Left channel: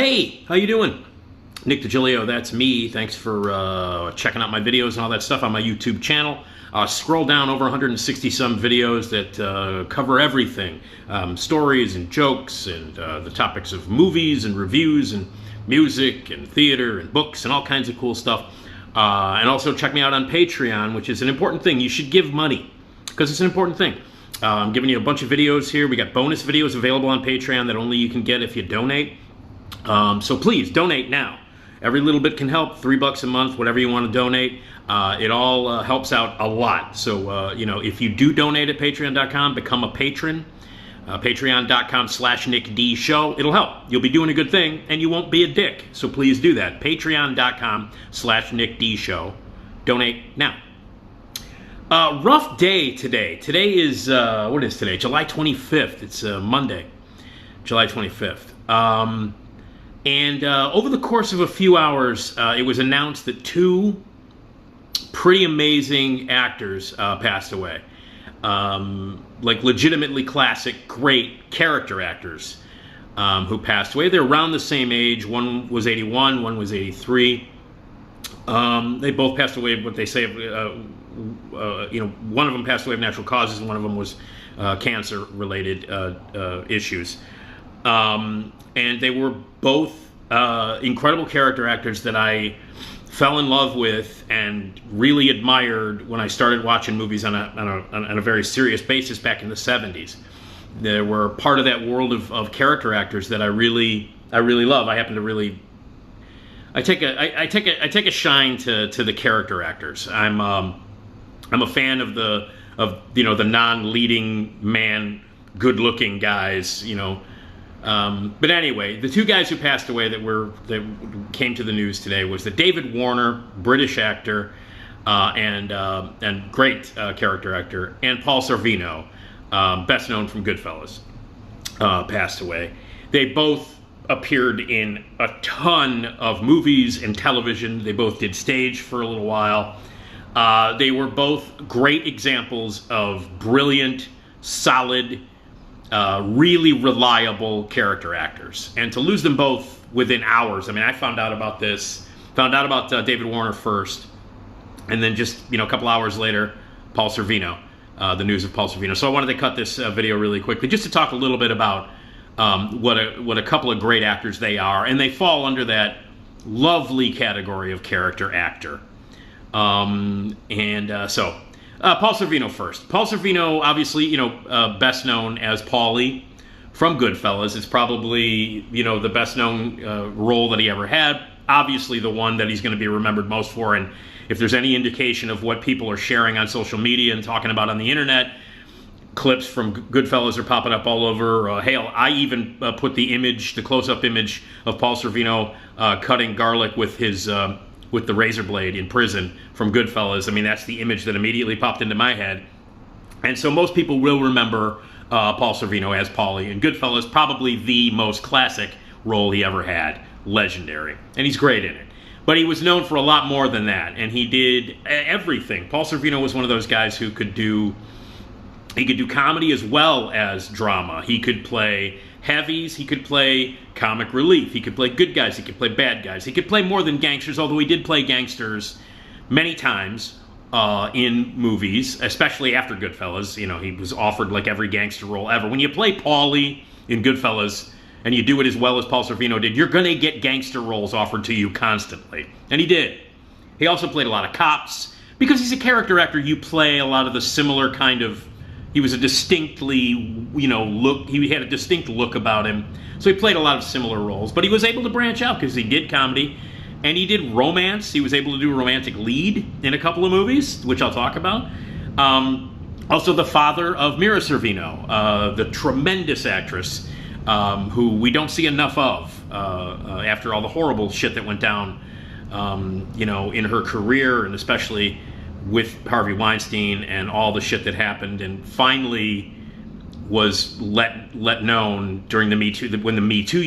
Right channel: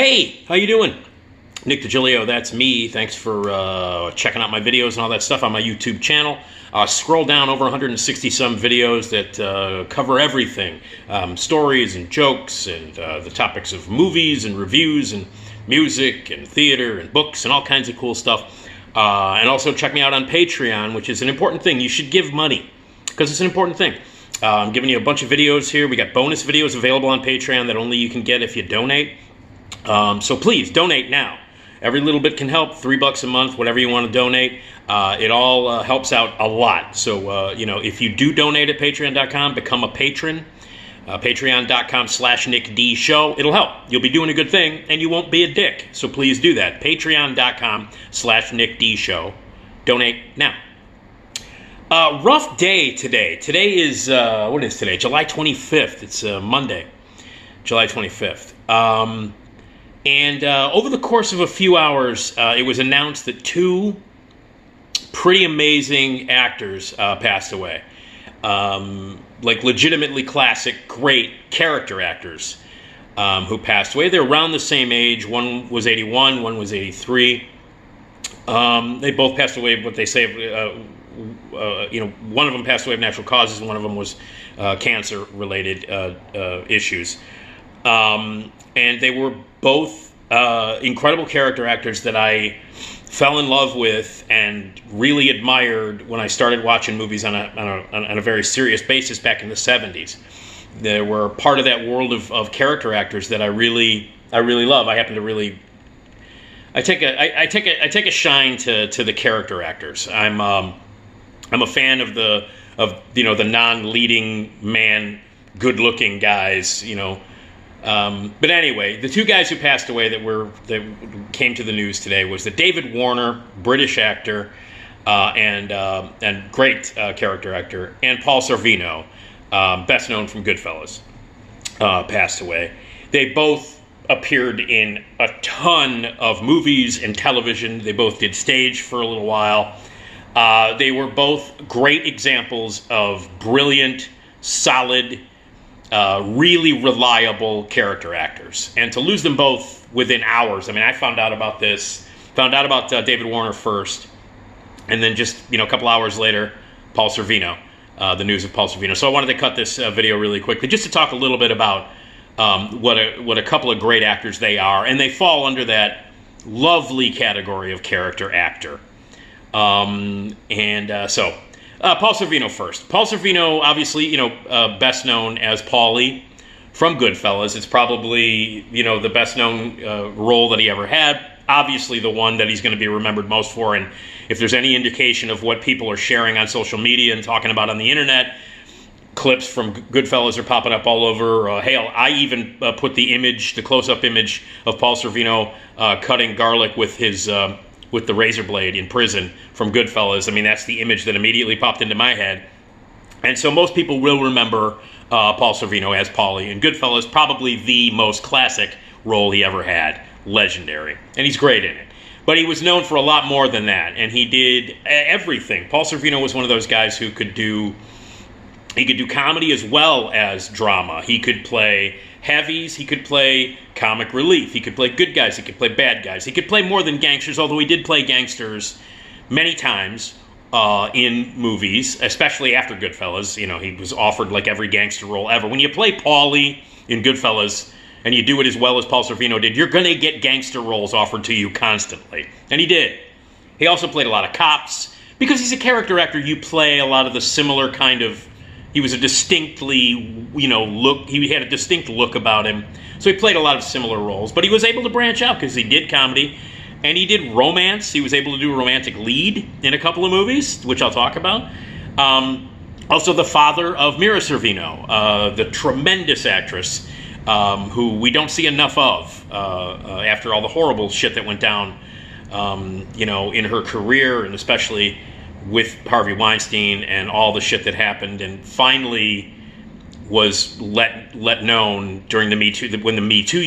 Hey, how you doing? Nick Digilio, that's me. Thanks for checking out my videos and all that stuff on my YouTube channel. Scroll down over 160 some videos that cover everything. Stories and jokes and the topics of movies and reviews and music and theater and books and all kinds of cool stuff. And also check me out on Patreon, which is an important thing. You should give money because it's an important thing. I'm giving you a bunch of videos here. We got bonus videos available on Patreon that only you can get if you donate. So please donate now. Every little bit can help. $3 a month, whatever you want to donate. It all helps out a lot. So, if you do donate at patreon.com, become a patron. Patreon.com/NickDShow. It'll help. You'll be doing a good thing, and you won't be a dick. So please do that. Patreon.com/NickDShow. Donate now. Rough day today. Today is, what is today? July 25th. It's Monday, July 25th. And over the course of a few hours, it was announced that two pretty amazing actors passed away. Like legitimately classic, great character actors who passed away. They're around the same age. One was 81, one was 83. They both passed away, what they say, one of them passed away of natural causes, and one of them was cancer-related issues. And they were both incredible character actors that I fell in love with and really admired when I started watching movies on a very serious basis back in the 70s. They were part of that world of character actors that I really love. I happen to really I take a shine to the character actors. I'm a fan of the non-leading man, good-looking guys, But anyway, the two guys who passed away that came to the news today was the David Warner, British actor, and great character actor, and Paul Sorvino, best known from Goodfellas, passed away. They both appeared in a ton of movies and television. They both did stage for a little while. They were both great examples of brilliant, solid, really reliable character actors. And to lose them both within hours, I found out about David Warner first, and then just, a couple hours later, Paul Sorvino, the news of Paul Sorvino. So I wanted to cut this video really quickly just to talk a little bit about what a couple of great actors they are, and they fall under that lovely category of character actor. Paul Sorvino first. Paul Sorvino, obviously, best known as Paulie from Goodfellas. It's probably, the best known role that he ever had. Obviously, the one that he's going to be remembered most for. And if there's any indication of what people are sharing on social media and talking about on the internet, clips from Goodfellas are popping up all over. Hell, I even put the close-up image of Paul Sorvino cutting garlic with the razor blade in prison from Goodfellas. That's the image that immediately popped into my head. And so most people will remember Paul Sorvino as Paulie in Goodfellas, probably the most classic role he ever had. Legendary. And he's great in it. But he was known for a lot more than that, and he did everything. Paul Sorvino was one of those guys who could do comedy as well as drama. He could play heavies, he could play comic relief, he could play good guys, he could play bad guys, he could play more than gangsters, although he did play gangsters many times in movies, especially after Goodfellas. He was offered like every gangster role ever. When you play Paulie in Goodfellas and you do it as well as Paul Sorvino did, you're going to get gangster roles offered to you constantly. And he did. He also played a lot of cops. Because he's a character actor, you play a lot of the similar kind of... He was a distinctly, he had a distinct look about him. So he played a lot of similar roles. But he was able to branch out because he did comedy and he did romance. He was able to do a romantic lead in a couple of movies, which I'll talk about. Also the father of Mira Sorvino, the tremendous actress who we don't see enough of after all the horrible shit that went down, in her career, and especially with Harvey Weinstein and all the shit that happened, and finally was let known during the Me Too, when the Me Too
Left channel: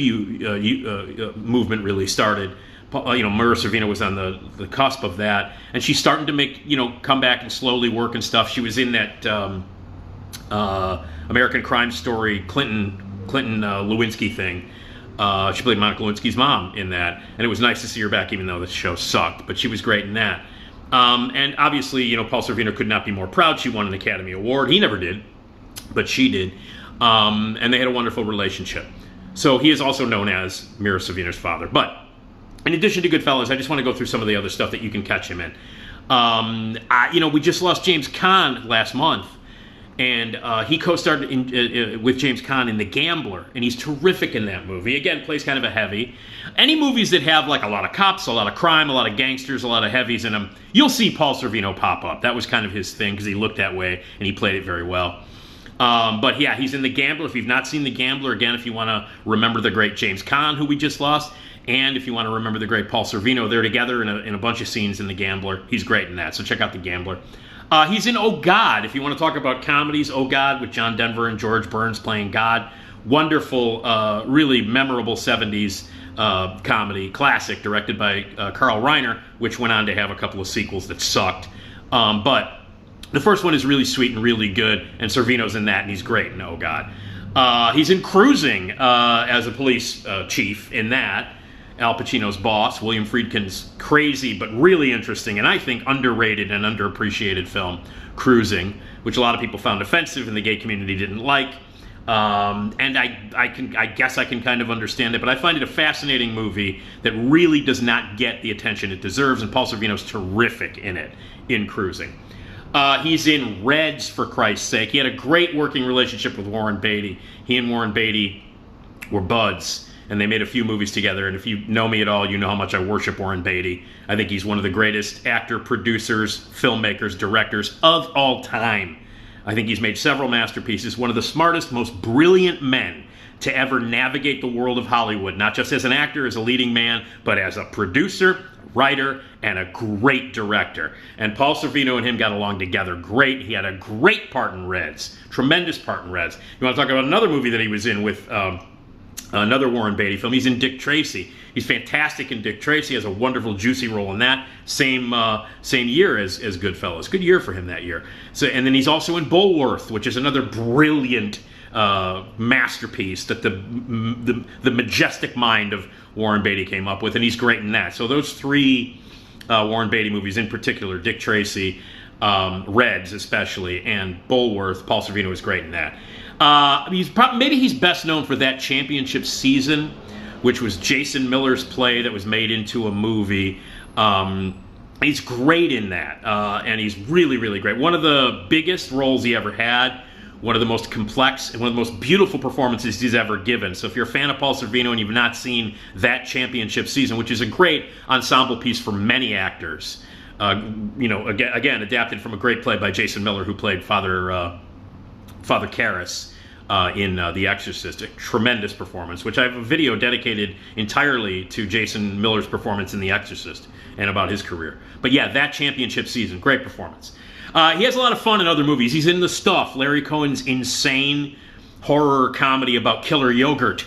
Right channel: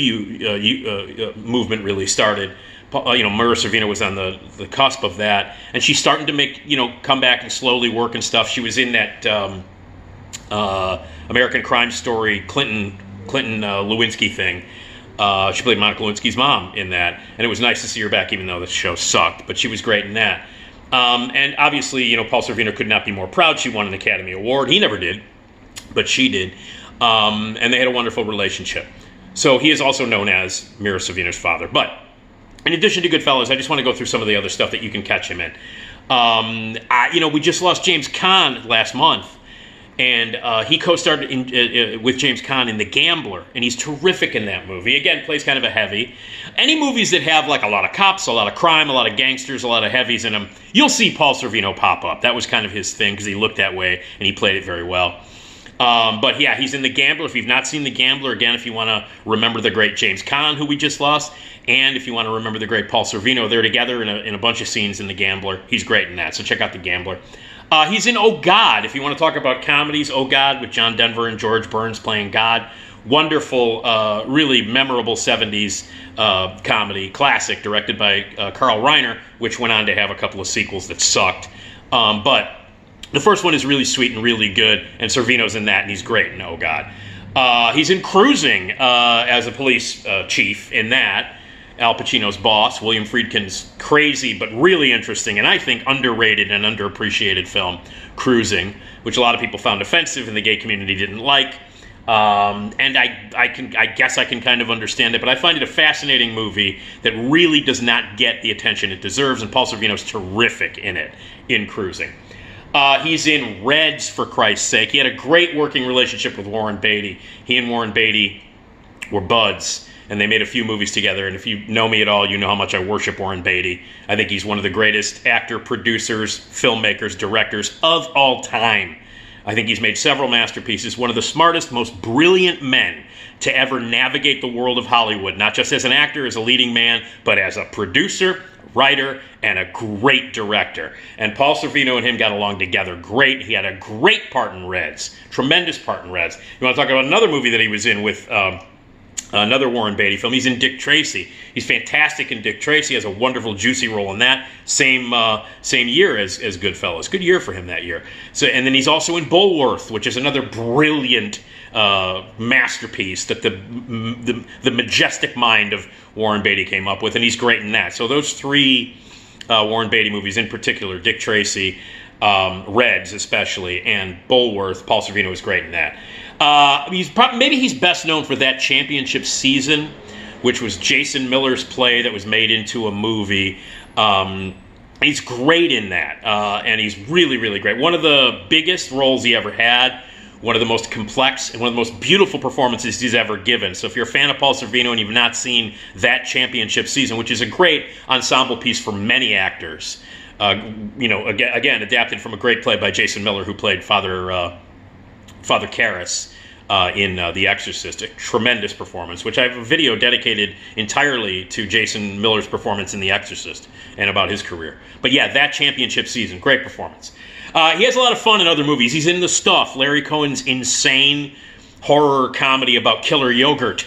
movement really started. Mira Sorvino was on the cusp of that, and she's starting to make, come back and slowly work and stuff. She was in that American Crime Story Clinton Lewinsky thing. She played Monica Lewinsky's mom in that, and it was nice to see her back, even though the show sucked. But she was great in that. And obviously, Paul Sorvino could not be more proud. She won an Academy Award. He never did, but she did. And they had a wonderful relationship. So he is also known as Mira Sorvino's father. But in addition to Goodfellas, I just want to go through some of the other stuff that you can catch him in. We just lost James Caan last month. And he co-starred with James Caan in The Gambler, and he's terrific in that movie. Again, plays kind of a heavy. Any movies that have like a lot of cops, a lot of crime, a lot of gangsters, a lot of heavies in them, you'll see Paul Sorvino pop up. That was kind of his thing because he looked that way, and he played it very well. But yeah, he's in The Gambler. If you've not seen The Gambler, again, if you want to remember the great James Caan, who we just lost, and if you want to remember the great Paul Sorvino, they're together in a bunch of scenes in The Gambler. He's great in that, so check out The Gambler. He's in Oh, God. If you want to talk about comedies, Oh, God, with John Denver and George Burns playing God. Wonderful, really memorable 70s comedy, classic, directed by Carl Reiner, which went on to have a couple of sequels that sucked. But the first one is really sweet and really good, and Sorvino's in that, and he's great in Oh, God. He's in Cruising as a police chief in that. Al Pacino's boss, William Friedkin's crazy but really interesting and I think underrated and underappreciated film, Cruising, which a lot of people found offensive and the gay community didn't like. And I guess I can kind of understand it, but I find it a fascinating movie that really does not get the attention it deserves, and Paul Sorvino's terrific in it, in Cruising. He's in Reds, for Christ's sake. He had a great working relationship with Warren Beatty. He and Warren Beatty were buds, and they made a few movies together. And if you know me at all, you know how much I worship Warren Beatty. I think he's one of the greatest actor, producers, filmmakers, directors of all time. I think he's made several masterpieces, one of the smartest, most brilliant men to ever navigate the world of Hollywood, not just as an actor, as a leading man, but as a producer, writer, and a great director. And Paul Sorvino and him got along together great. He had a great part in Reds, tremendous part in Reds. You want to talk about another movie that he was in with another Warren Beatty film? He's in Dick Tracy. He's fantastic in Dick Tracy. Has a wonderful, juicy role in that. Same year as Goodfellas. Good year for him that year. So, and then he's also in Bulworth, which is another brilliant masterpiece that the majestic mind of Warren Beatty came up with, and he's great in that. So those three Warren Beatty movies in particular, Dick Tracy, Reds especially, and Bulworth, Paul Sorvino is great in that. Maybe he's best known for That Championship Season, which was Jason Miller's play that was made into a movie. He's great in that, and he's really, really great. One of the biggest roles he ever had, one of the most complex and one of the most beautiful performances he's ever given. So if you're a fan of Paul Sorvino and you've not seen That Championship Season, which is a great ensemble piece for many actors, again, adapted from a great play by Jason Miller, who played Father Karras in The Exorcist. A tremendous performance, which I have a video dedicated entirely to Jason Miller's performance in The Exorcist and about his career. But yeah, That Championship Season, great performance. He has a lot of fun in other movies. He's in The Stuff, Larry Cohen's insane horror comedy about killer yogurt.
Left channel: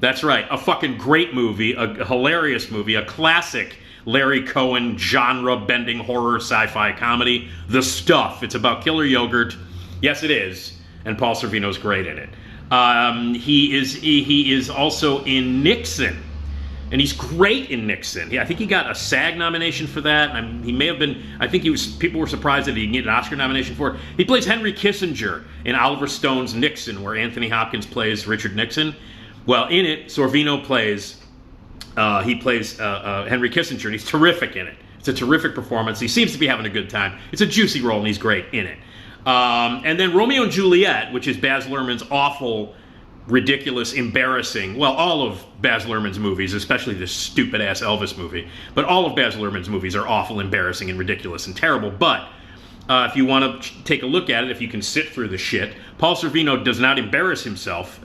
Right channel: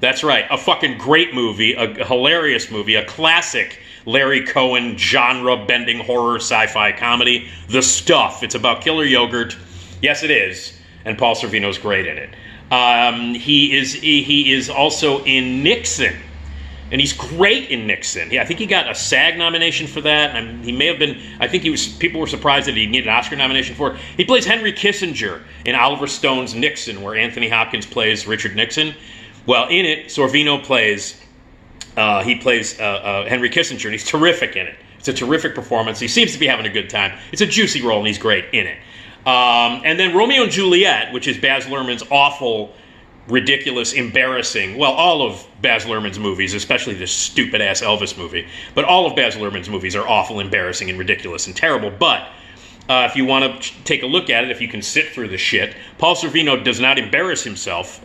That's right, a fucking great movie, a hilarious movie, a classic Larry Cohen genre-bending horror sci-fi comedy. The Stuff. It's about killer yogurt. Yes, it is. And Paul Sorvino's great in it. He is also in Nixon, and he's great in Nixon. Yeah, I think he got a SAG nomination for that. And he may have been. I think people were surprised that he didn't get an Oscar nomination for it. He plays Henry Kissinger in Oliver Stone's Nixon, where Anthony Hopkins plays Richard Nixon. Well, in it, Sorvino plays. He plays Henry Kissinger, and he's terrific in it. It's a terrific performance. He seems to be having a good time. It's a juicy role, and he's great in it. And then Romeo and Juliet, which is Baz Luhrmann's awful, ridiculous, embarrassing, well, all of Baz Luhrmann's movies, especially this stupid-ass Elvis movie, but all of Baz Luhrmann's movies are awful, embarrassing, and ridiculous, and terrible. But if you want to take a look at it, if you can sit through the shit, Paul Sorvino does not embarrass himself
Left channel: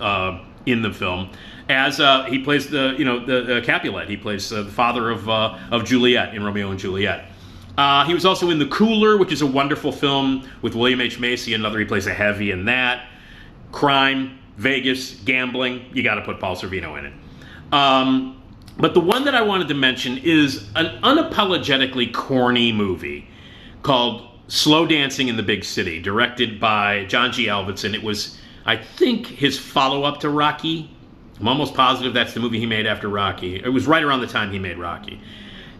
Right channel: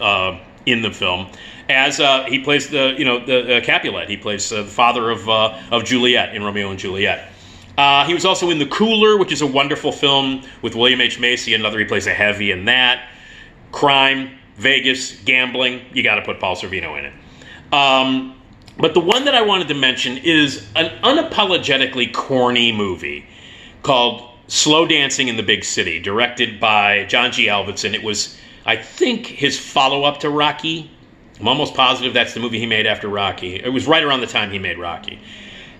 in the film, as he plays the Capulet. He plays the father of Juliet in Romeo and Juliet. He was also in The Cooler, which is a wonderful film with William H. Macy. He plays a heavy in that. Crime, Vegas, gambling. You got to put Paul Sorvino in it. But the one that I wanted to mention is an unapologetically corny movie called Slow Dancing in the Big City, directed by John G. Avildsen. It was, I think, his follow-up to Rocky. I'm almost positive that's the movie he made after Rocky. It was right around the time he made Rocky.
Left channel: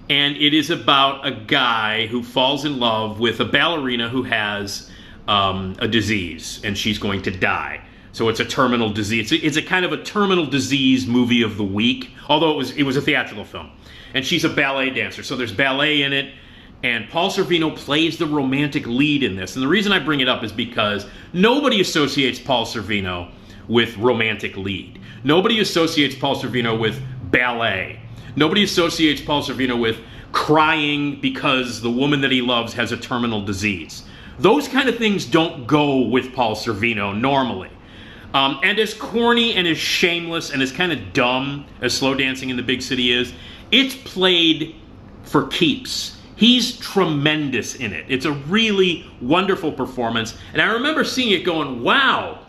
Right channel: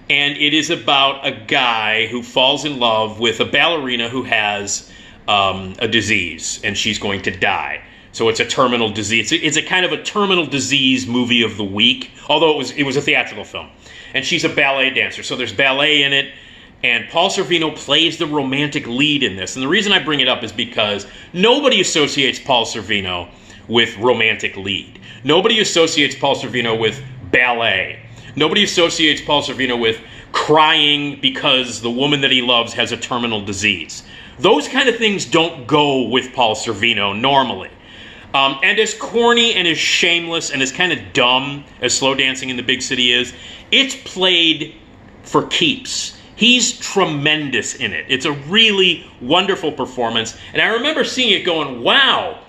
And it is about a guy who falls in love with a ballerina who has a disease, and she's going to die. So it's a terminal disease. It's a kind of a terminal disease movie of the week, although it was a theatrical film. And she's a ballet dancer, so there's ballet in it. And Paul Sorvino plays the romantic lead in this. And the reason I bring it up is because nobody associates Paul Sorvino with romantic lead. Nobody associates Paul Sorvino with ballet. Nobody associates Paul Sorvino with crying because the woman that he loves has a terminal disease. Those kind of things don't go with Paul Sorvino normally. And as corny and as shameless and as kind of dumb as Slow Dancing in the Big City is, it's played for keeps. He's tremendous in it. It's a really wonderful performance. And I remember seeing it going, wow,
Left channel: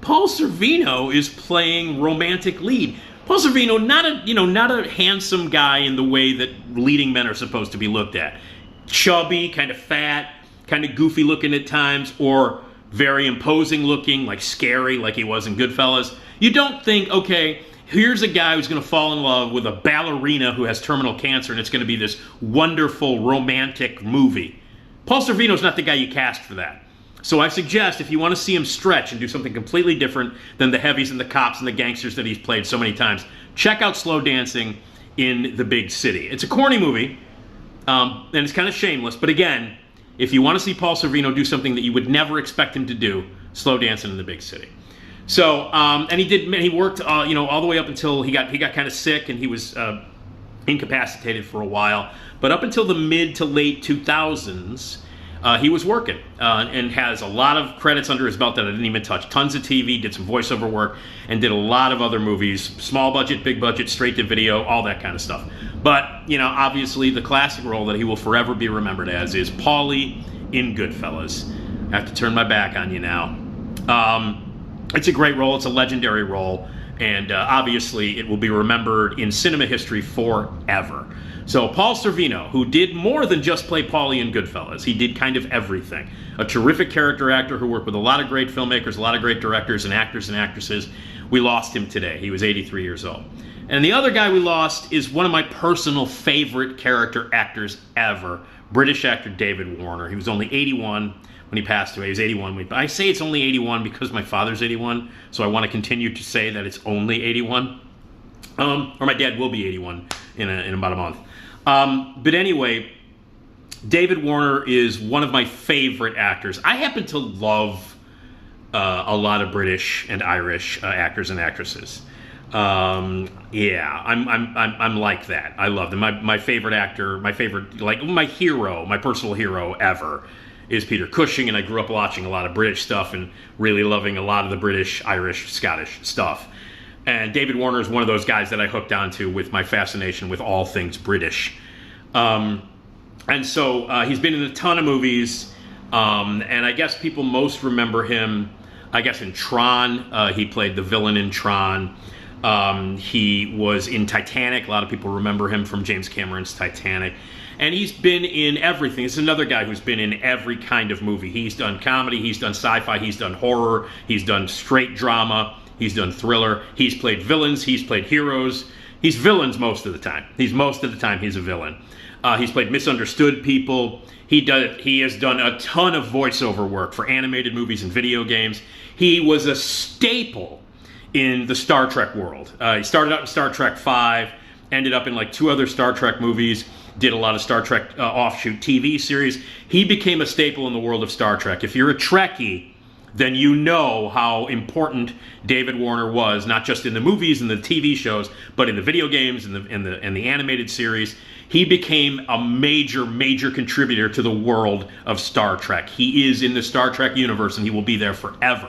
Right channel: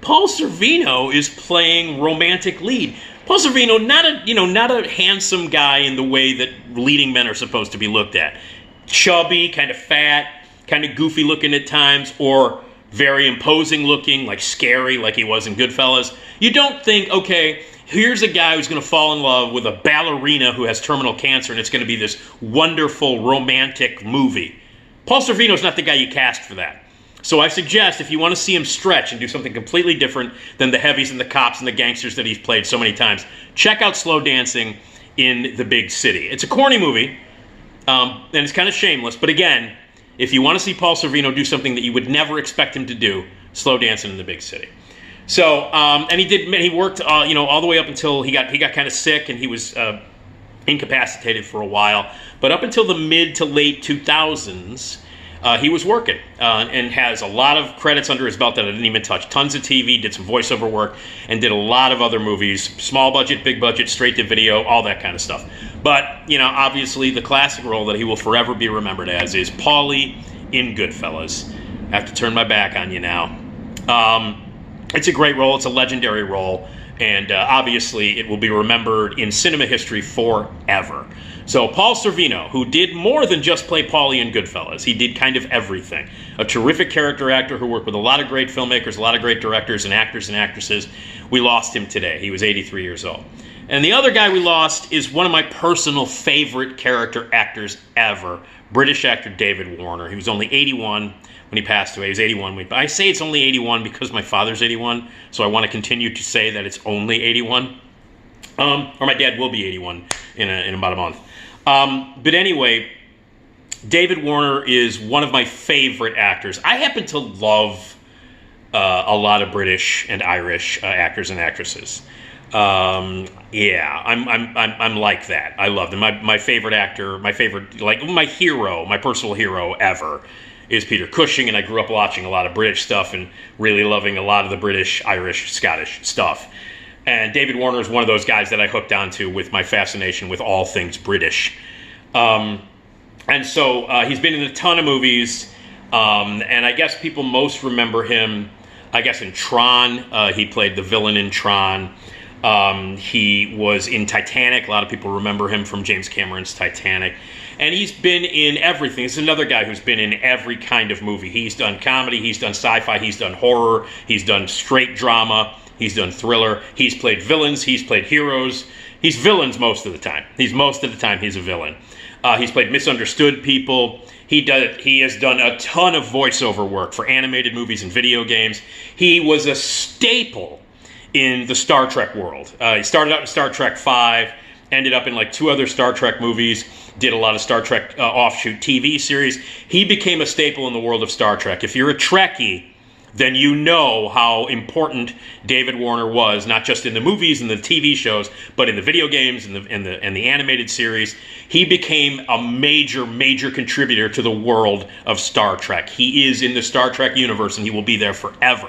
Paul Sorvino is playing romantic lead. Paul Sorvino, not a handsome guy in the way that leading men are supposed to be looked at. Chubby, kind of fat, kind of goofy looking at times, or very imposing looking, like scary, like he was in Goodfellas. You don't think, okay, here's a guy who's going to fall in love with a ballerina who has terminal cancer, and it's going to be this wonderful romantic movie. Paul Sorvino's not the guy you cast for that. So I suggest if you want to see him stretch and do something completely different than the heavies and the cops and the gangsters that he's played so many times, check out Slow Dancing in the Big City. It's a corny movie, and it's kind of shameless. But again, if you want to see Paul Sorvino do something that you would never expect him to do, Slow Dancing in the Big City. So, and he worked, all the way up until he got kind of sick, and he was incapacitated for a while. But up until the mid to late 2000s, he was working and has a lot of credits under his belt that I didn't even touch. Tons of TV, did some voiceover work, and did a lot of other movies. Small budget, big budget, straight to video, all that kind of stuff. But, obviously the classic role that he will forever be remembered as is Paulie in Goodfellas. I have to turn my back on you now. It's a great role. It's a legendary role. And obviously it will be remembered in cinema history forever. So Paul Sorvino, who did more than just play Paulie in Goodfellas, he did kind of everything. A terrific character actor who worked with a lot of great filmmakers, a lot of great directors and actors and actresses. We lost him today. He was 83 years old. And the other guy we lost is one of my personal favorite character actors ever, British actor David Warner. He was only 81 when he passed away. He was 81. I say it's only 81 because my father's 81, so I want to continue to say that it's only 81. Or my dad will be 81 in about a month. But anyway, David Warner is one of my favorite actors. I happen to love a lot of British and Irish actors and actresses. I'm like that. I love them. My favorite actor, my hero, my personal hero ever is Peter Cushing, and I grew up watching a lot of British stuff and really loving a lot of the British, Irish, Scottish stuff. And David Warner is one of those guys that I hooked onto with my fascination with all things British. And so he's been in a ton of movies, and I guess people most remember him, in Tron. He played the villain in Tron. He was in Titanic. A lot of people remember him from James Cameron's Titanic. And he's been in everything. He's another guy who's been in every kind of movie. He's done comedy, he's done sci-fi, he's done horror, he's done straight drama, he's done thriller. He's played villains, he's played heroes. He's villains most of the time. He's a villain. He's played misunderstood people. He has done a ton of voiceover work for animated movies and video games. He was a staple in the Star Trek world. He started out in Star Trek V, ended up in like 2 other Star Trek movies, did a lot of Star Trek offshoot TV series. He became a staple in the world of Star Trek. If you're a Trekkie, then you know how important David Warner was, not just in the movies and the TV shows, but in the video games and the animated series. He became a major, major contributor to the world of Star Trek. He is in the Star Trek universe, and he will be there forever.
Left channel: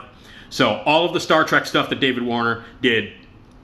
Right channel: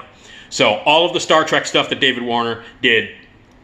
So all of the Star Trek stuff that David Warner did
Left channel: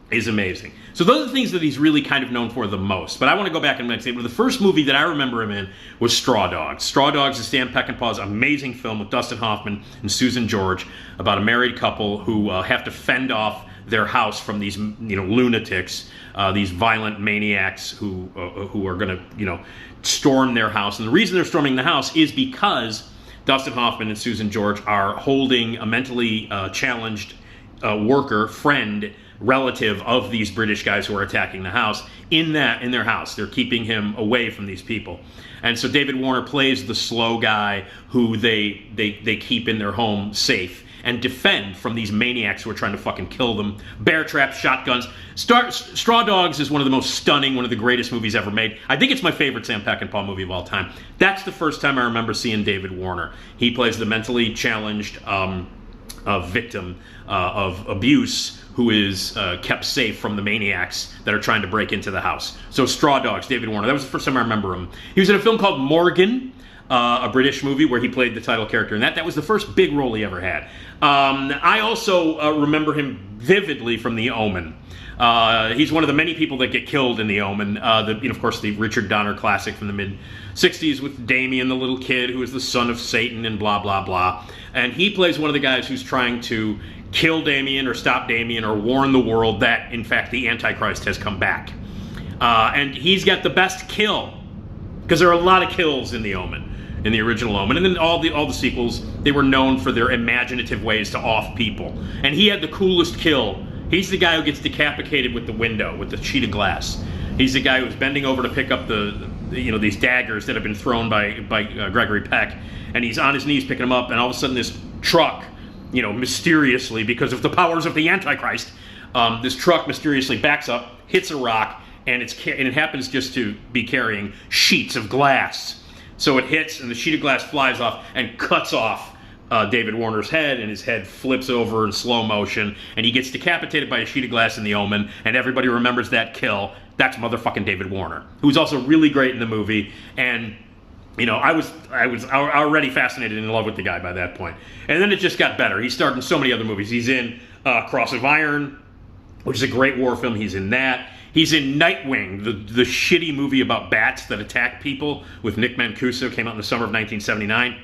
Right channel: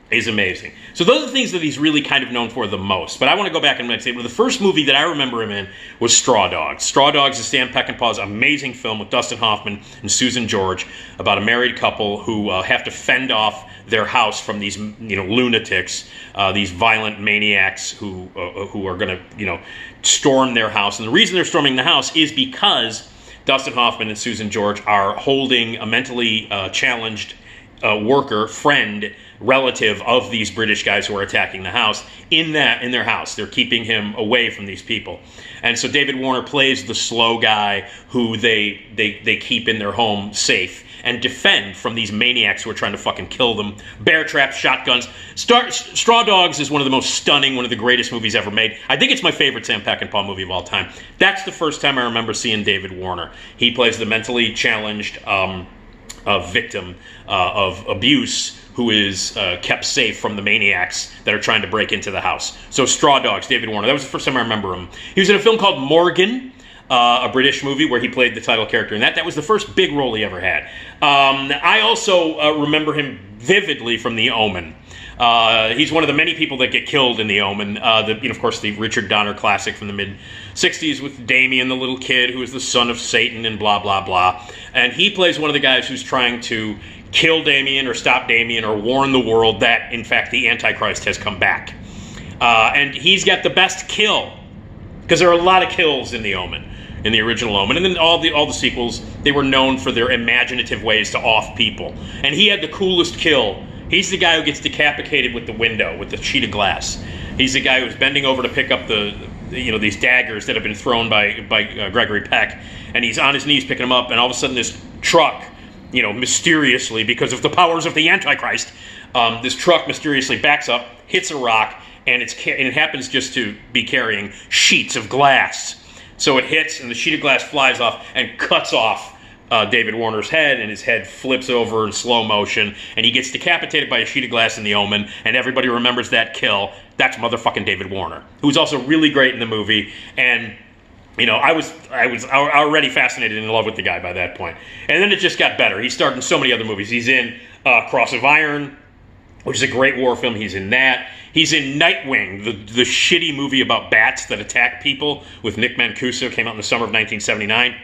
is amazing. So those are the things that he's really kind of known for the most. But I want to go back and say, well, the first movie that I remember him in was Straw Dogs. Straw Dogs is Sam Peckinpah's amazing film with Dustin Hoffman and Susan George about a married couple who have to fend off their house from these lunatics, these violent maniacs who are going to storm their house. And the reason they're storming the house is because Dustin Hoffman and Susan George are holding a mentally challenged friend relative of these British guys who are attacking the house in their house. They're keeping him away from these people. And so David Warner plays the slow guy who they keep in their home safe and defend from these maniacs who are trying to fucking kill them. Bear traps, shotguns. Straw Dogs is one of the most stunning, one of the greatest movies ever made. I think it's my favorite Sam Peckinpah movie of all time. That's the first time I remember seeing David Warner. He plays the mentally challenged victim of abuse who is kept safe from the maniacs that are trying to break into the house. So Straw Dogs, David Warner. That was the first time I remember him. He was in a film called Morgan, a British movie where he played the title character in that. That was the first big role he ever had. I also remember him vividly from The Omen. He's one of the many people that get killed in The Omen. Of course, the Richard Donner classic from the mid-'60s with Damien, the little kid who is the son of Satan and blah, blah, blah. And he plays one of the guys who's trying to kill Damien or stop Damien or warn the world that, in fact, the Antichrist has come back. And he's got the best kill, because there are a lot of kills in The Omen, in the original Omen. And then all the sequels, they were known for their imaginative ways to off people. And he had the coolest kill. He's the guy who gets decapitated with the window, with the sheet of glass. He's the guy who's bending over to pick up these daggers that have been thrown by Gregory Peck. And he's on his knees picking them up, and all of a sudden this truck, mysteriously, because of the powers of the Antichrist, this truck mysteriously backs up, hits a rock, and it happens just to be carrying sheets of glass. So it hits, and the sheet of glass flies off and cuts off David Warner's head, and his head flips over in slow motion, and he gets decapitated by a sheet of glass in The Omen, and everybody remembers that kill. That's motherfucking David Warner, who's also really great in the movie. And I was already fascinated and in love with the guy by that point. And then it just got better. He starred in so many other movies. He's in Cross of Iron, which is a great war film. He's in that. He's in Nightwing, the shitty movie about bats that attack people with Nick Mancuso, came out in the summer of 1979.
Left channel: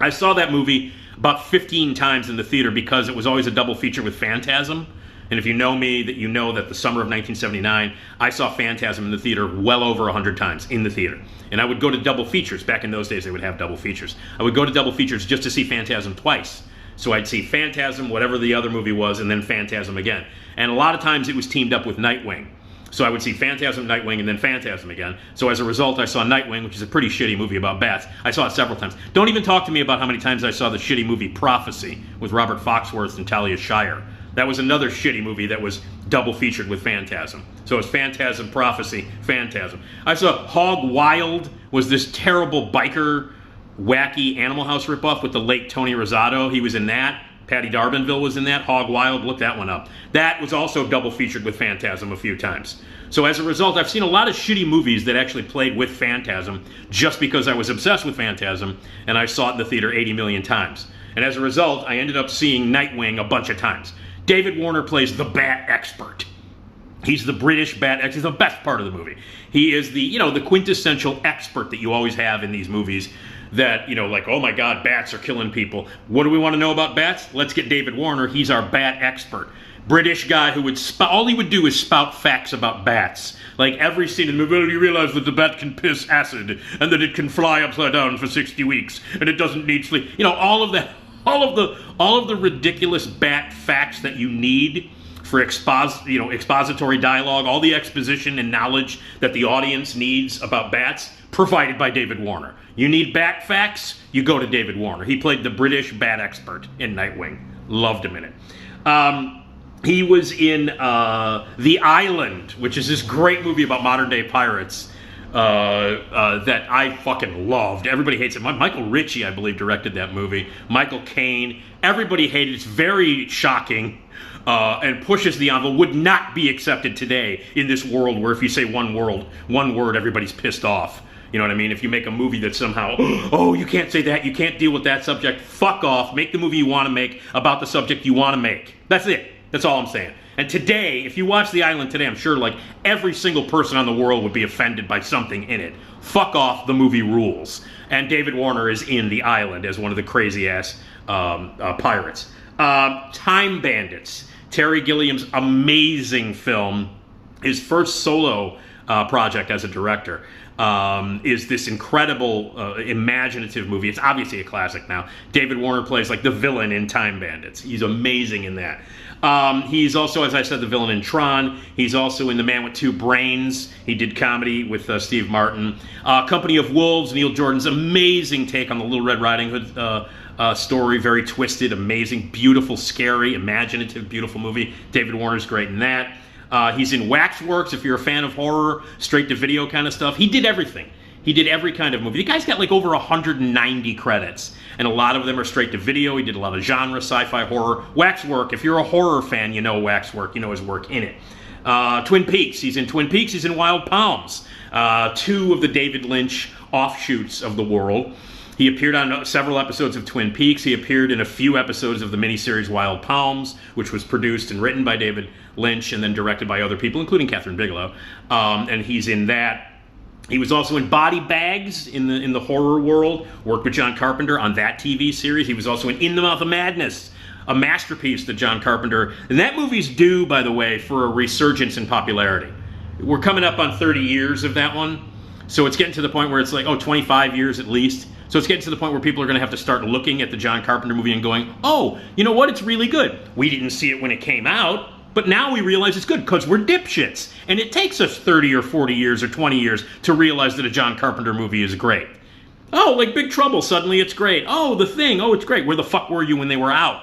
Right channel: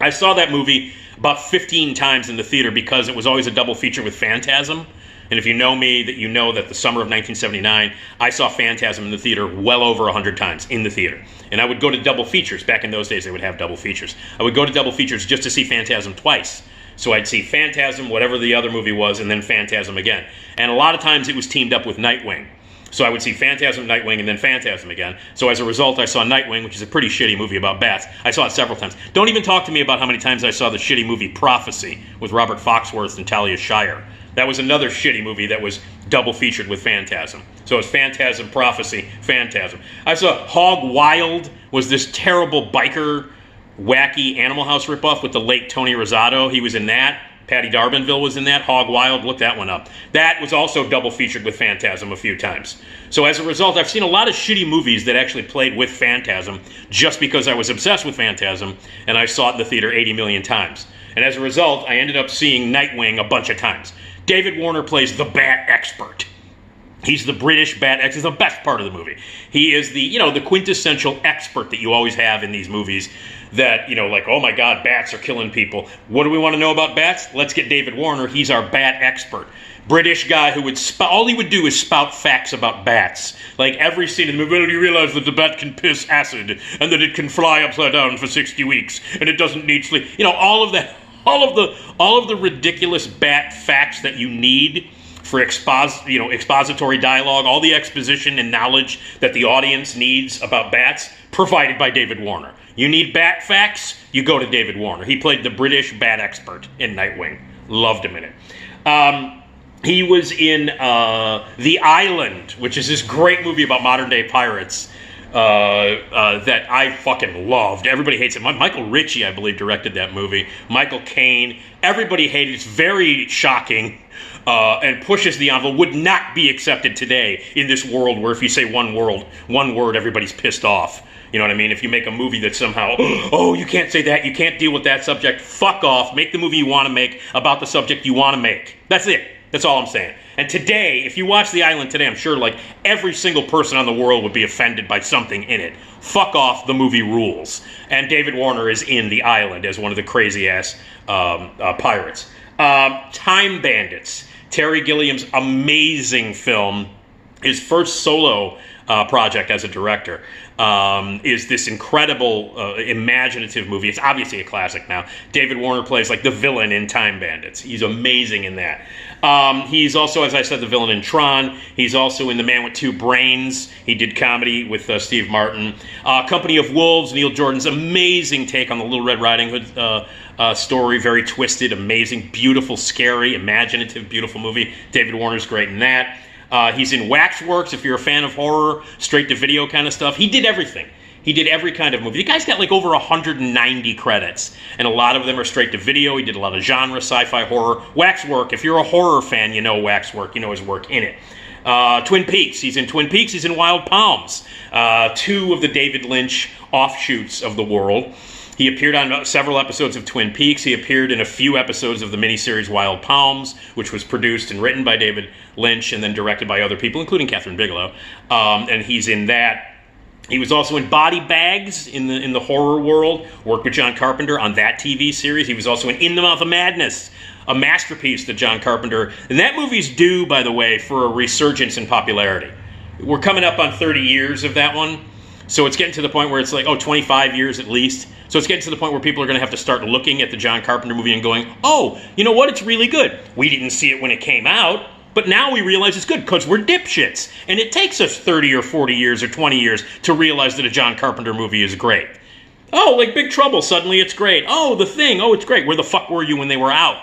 I saw that movie about 15 times in the theater because it was always a double feature with Phantasm. And if you know me, that you know that the summer of 1979, I saw Phantasm in the theater well over 100 times in the theater. And I would go to double features. Back in those days, they would have double features. I would go to double features just to see Phantasm twice. So I'd see Phantasm, whatever the other movie was, and then Phantasm again. And a lot of times it was teamed up with Nightwing. So I would see Phantasm, Nightwing, and then Phantasm again. So as a result, I saw Nightwing, which is a pretty shitty movie about bats. I saw it several times. Don't even talk to me about how many times I saw the shitty movie Prophecy with Robert Foxworth and Talia Shire. That was another shitty movie that was double featured with Phantasm. So it's Phantasm, Prophecy, Phantasm. I saw Hog Wild, was this terrible biker, wacky Animal House ripoff with the late Tony Rosato. He was in that. Patty Darbanville was in that. Hog Wild, look that one up. That was also double featured with Phantasm a few times. So as a result, I've seen a lot of shitty movies that actually played with Phantasm just because I was obsessed with Phantasm and I saw it in the theater 80 million times. And as a result, I ended up seeing Nightwing a bunch of times. David Warner plays the bat expert. He's the British bat expert. He's the best part of the movie. He is the quintessential expert that you always have in these movies that, like, oh my God, bats are killing people. What do we want to know about bats? Let's get David Warner. He's our bat expert. British guy who all he would do is spout facts about bats. Like every scene in the movie, well, you realize that the bat can piss acid and that it can fly upside down for 60 weeks and it doesn't need sleep. All of that. All of the ridiculous bat facts that you need for expository dialogue, all the exposition and knowledge that the audience needs about bats, provided by David Warner. You need bat facts, you go to David Warner. He played the British bat expert in Nightwing. Loved him in it. He was in The Island, which is this great movie about modern-day pirates that I fucking loved. Everybody hates it. Michael Ritchie, I believe, directed that movie. Michael Caine. Everybody hated it. It's very shocking and pushes the envelope. Would not be accepted today in this world where if you say one word, everybody's pissed off. You know what I mean? If you make a movie that somehow, oh, you can't say that, you can't deal with that subject, fuck off. Make the movie you want to make about the subject you want to make. That's it. That's all I'm saying. And today, if you watch The Island today, I'm sure like every single person on the world would be offended by something in it. Fuck off, the movie rules. And David Warner is in The Island as one of the crazy-ass pirates. Time Bandits. Terry Gilliam's amazing film, his first solo project as a director, is this incredible, imaginative movie. It's obviously a classic now. David Warner plays like the villain in Time Bandits. He's amazing in that. He's also, as I said, the villain in Tron. He's also in The Man with Two Brains. He did comedy with Steve Martin. Company of Wolves, Neil Jordan's amazing take on the Little Red Riding Hood story. Very twisted, amazing, beautiful, scary, imaginative, beautiful movie. David Warner's great in that. He's in Waxworks, if you're a fan of horror, straight-to-video kind of stuff. He did everything. He did every kind of movie. The guy's got like over 190 credits, and a lot of them are straight-to-video. He did a lot of genre, sci-fi, horror. Waxwork, if you're a horror fan, you know Waxwork. You know his work in it. Twin Peaks. He's in Twin Peaks. He's in Wild Palms. Two of the David Lynch offshoots of the world. He appeared on several episodes of Twin Peaks. He appeared in a few episodes of the miniseries Wild Palms, which was produced and written by David Lynch and then directed by other people, including Catherine Bigelow. And he's in that. He was also in Body Bags in the horror world, worked with John Carpenter on that TV series. He was also in the Mouth of Madness, a masterpiece to John Carpenter. And that movie's due, by the way, for a resurgence in popularity. We're coming up on 30 years of that one. So it's getting to the point where it's like, 25 years at least. So it's getting to the point where people are going to have to start looking at the John Carpenter movie and going, oh, you know what? It's really good. We didn't see it when it came out, but now we realize it's good because we're dipshits. And it takes us 30 or 40 years or 20 years to realize that a John Carpenter movie is great. Oh, like Big Trouble, suddenly it's great. Oh, The Thing, oh, it's great. Where the fuck were you when they were out?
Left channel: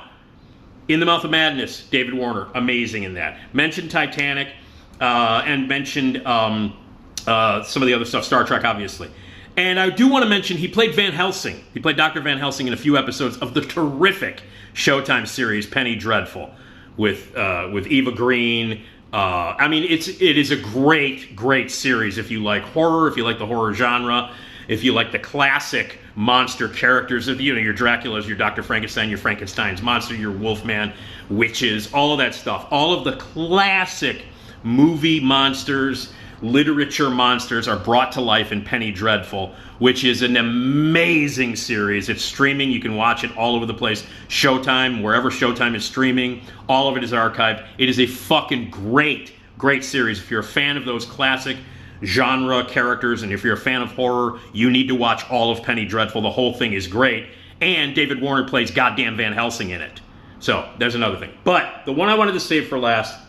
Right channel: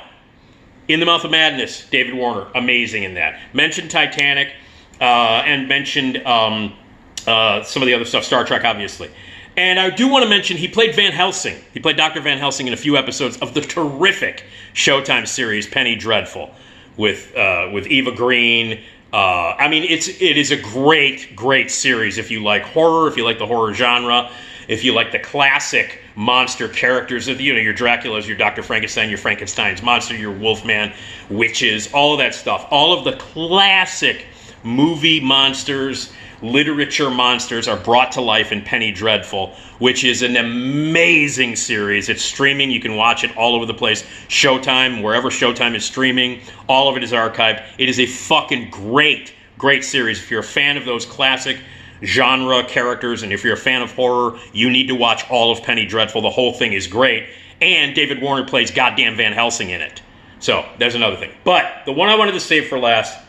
In the Mouth of Madness, David Warner, amazing in that. Mentioned Titanic and mentioned some of the other stuff, Star Trek, obviously. And I do want to mention he played Van Helsing. He played Dr. Van Helsing in a few episodes of the terrific Showtime series Penny Dreadful with Eva Green. I mean, it is a great series if you like horror, if you like the horror genre, if you like the classic monster characters of your Draculas, your Dr. Frankenstein, your Frankenstein's monster, your Wolfman, witches, all of that stuff. All of the classic movie monsters, literature monsters are brought to life in Penny Dreadful, which is an amazing series. It's streaming. You can watch it all over the place. Showtime, wherever Showtime is streaming, all of it is archived. It is a fucking great series. If you're a fan of those classic genre characters, and if you're a fan of horror, you need to watch all of Penny Dreadful. The whole thing is great. And David Warner plays goddamn Van Helsing in it. So, there's another thing. But the one I wanted to save for last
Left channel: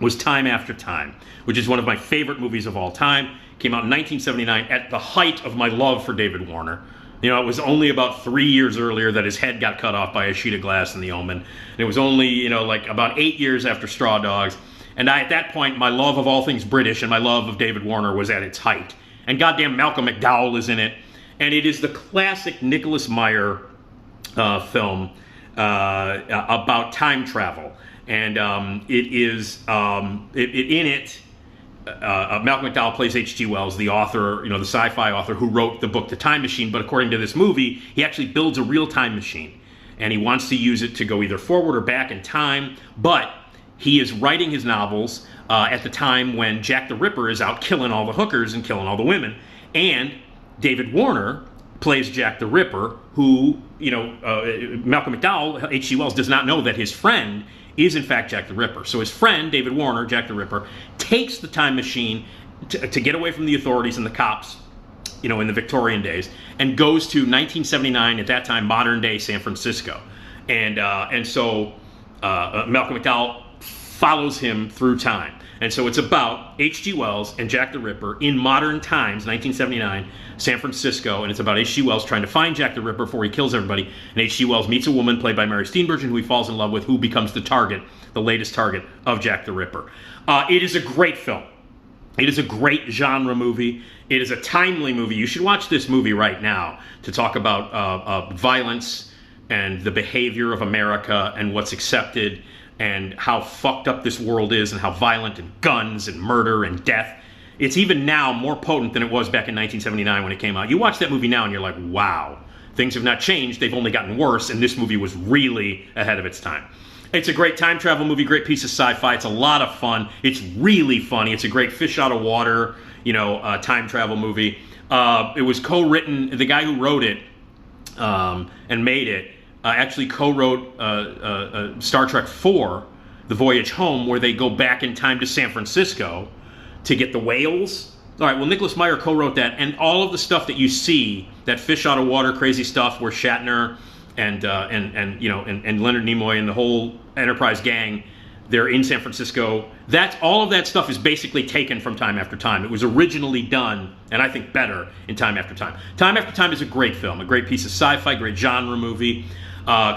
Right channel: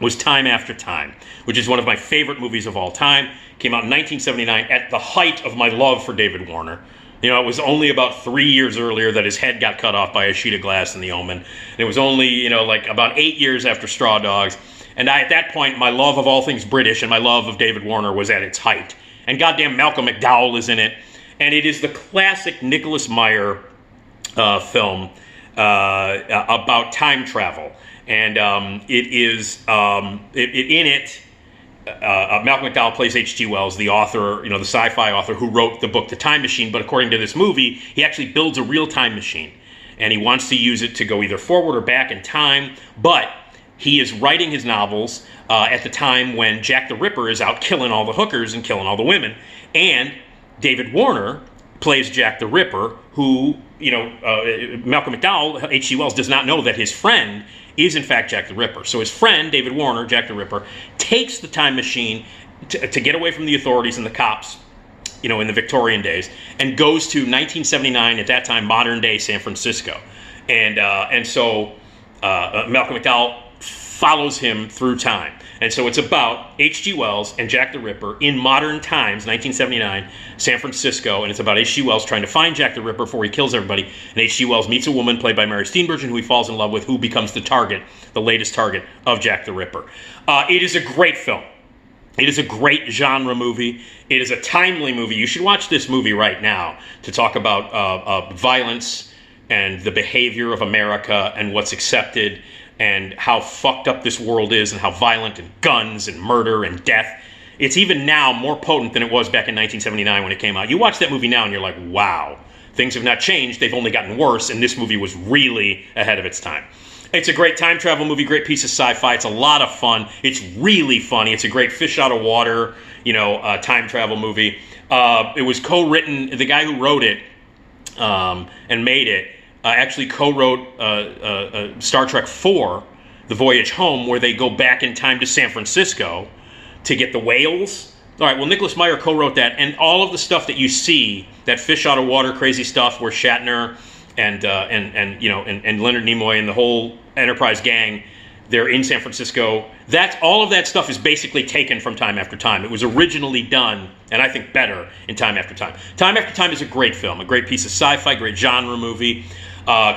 was Time After Time, which is one of my favorite movies of all time. Came out in 1979 at the height of my love for David Warner. You know, it was only about 3 years earlier that his head got cut off by a sheet of glass in The Omen. And it was only, like about 8 years after Straw Dogs. And at that point, my love of all things British and my love of David Warner was at its height. And goddamn Malcolm McDowell is in it. And it is the classic Nicholas Meyer film about time travel. And it is in it. Malcolm McDowell plays H.G. Wells, the author, the sci-fi author who wrote the book The Time Machine. But according to this movie, he actually builds a real time machine, and he wants to use it to go either forward or back in time. But he is writing his novels at the time when Jack the Ripper is out killing all the hookers and killing all the women, and David Warner plays Jack the Ripper, who Malcolm McDowell, H.G. Wells, does not know that his friend is in fact Jack the Ripper. So his friend, David Warner, Jack the Ripper, takes the time machine to get away from the authorities and the cops, in the Victorian days, and goes to 1979, at that time, modern-day San Francisco. And so Malcolm McDowell follows him through time. And so it's about H.G. Wells and Jack the Ripper in modern times, 1979, San Francisco, and it's about H.G. Wells trying to find Jack the Ripper before he kills everybody. And H.G. Wells meets a woman played by Mary Steenburgen who he falls in love with, who becomes the latest target of Jack the Ripper. It is a great film. It is a great genre movie. It is a timely movie. You should watch this movie right now to talk about violence and the behavior of America and what's accepted and how fucked up this world is and how violent and guns and murder and death. It's even now more potent than it was back in 1979 when it came out. You watch that movie now and you're like, wow, things have not changed. They've only gotten worse, and this movie was really ahead of its time. It's a great time travel movie, great piece of sci-fi. It's a lot of fun. It's really funny. It's a great fish out of water, time travel movie. It was co-written. The guy who wrote it and made it actually co-wrote Star Trek IV, The Voyage Home, where they go back in time to San Francisco to get the whales. All right, well, Nicholas Meyer co-wrote that, and all of the stuff that you see, that fish out of water crazy stuff where Shatner and Leonard Nimoy and the whole Enterprise gang They're in San Francisco. All of that stuff is basically taken from Time After Time. It was originally done, and I think better, in Time After Time. Time After Time is a great film, a great piece of sci-fi, great genre movie,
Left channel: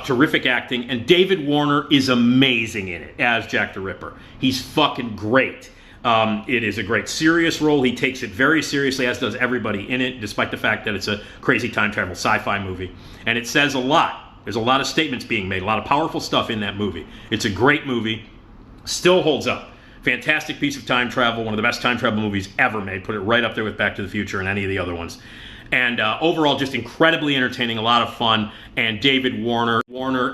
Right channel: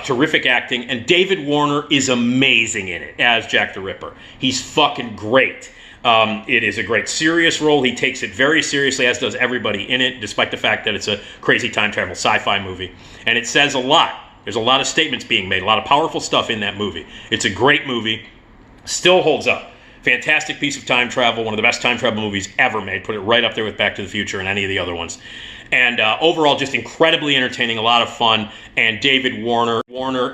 terrific acting, and David Warner is amazing in it as Jack the Ripper. He's fucking great. It is a great serious role. He takes it very seriously, as does everybody in it, despite the fact that it's a crazy time travel sci-fi movie. And it says a lot. There's a lot of statements being made, a lot of powerful stuff in that movie. It's a great movie. Still holds up. Fantastic piece of time travel. One of the best time travel movies ever made. Put it right up there with Back to the Future and any of the other ones. And overall, just incredibly entertaining, a lot of fun. And David Warner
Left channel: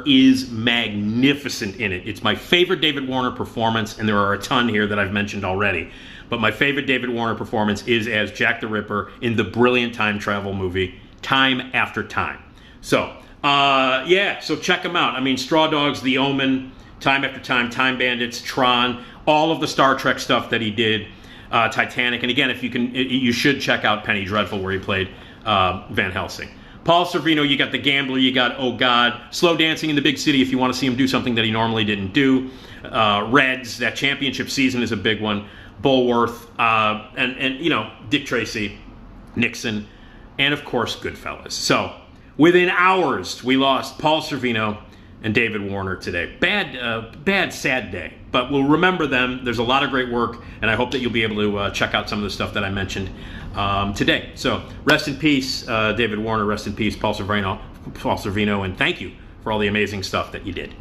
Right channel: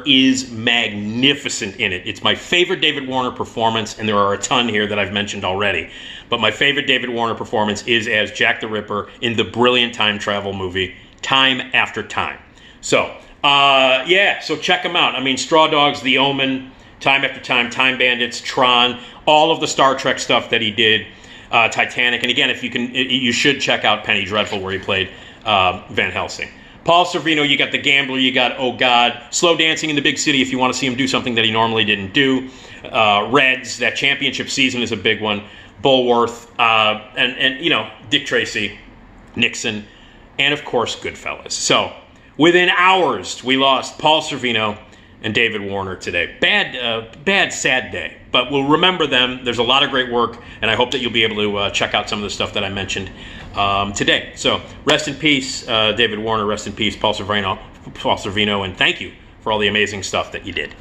is magnificent in it. It's my favorite David Warner performance, and there are a ton here that I've mentioned already. But my favorite David Warner performance is as Jack the Ripper in the brilliant time travel movie, Time After Time. So, so check them out. I mean, Straw Dogs, The Omen, Time After Time, Time Bandits, Tron, all of the Star Trek stuff that he did, Titanic. And again, if you can, you should check out Penny Dreadful, where he played Van Helsing. Paul Sorvino, you got The Gambler, you got Oh God, Slow Dancing in the Big City if you want to see him do something that he normally didn't do. Reds, that championship season is a big one. Bulworth, and you know, Dick Tracy, Nixon, and of course Goodfellas. So within hours, we lost Paul Sorvino and David Warner today. Bad, sad day. But we'll remember them. There's a lot of great work, and I hope that you'll be able to check out some of the stuff that I mentioned today. So rest in peace, David Warner. Rest in peace, Paul Sorvino, and thank you for all the amazing stuff that you did.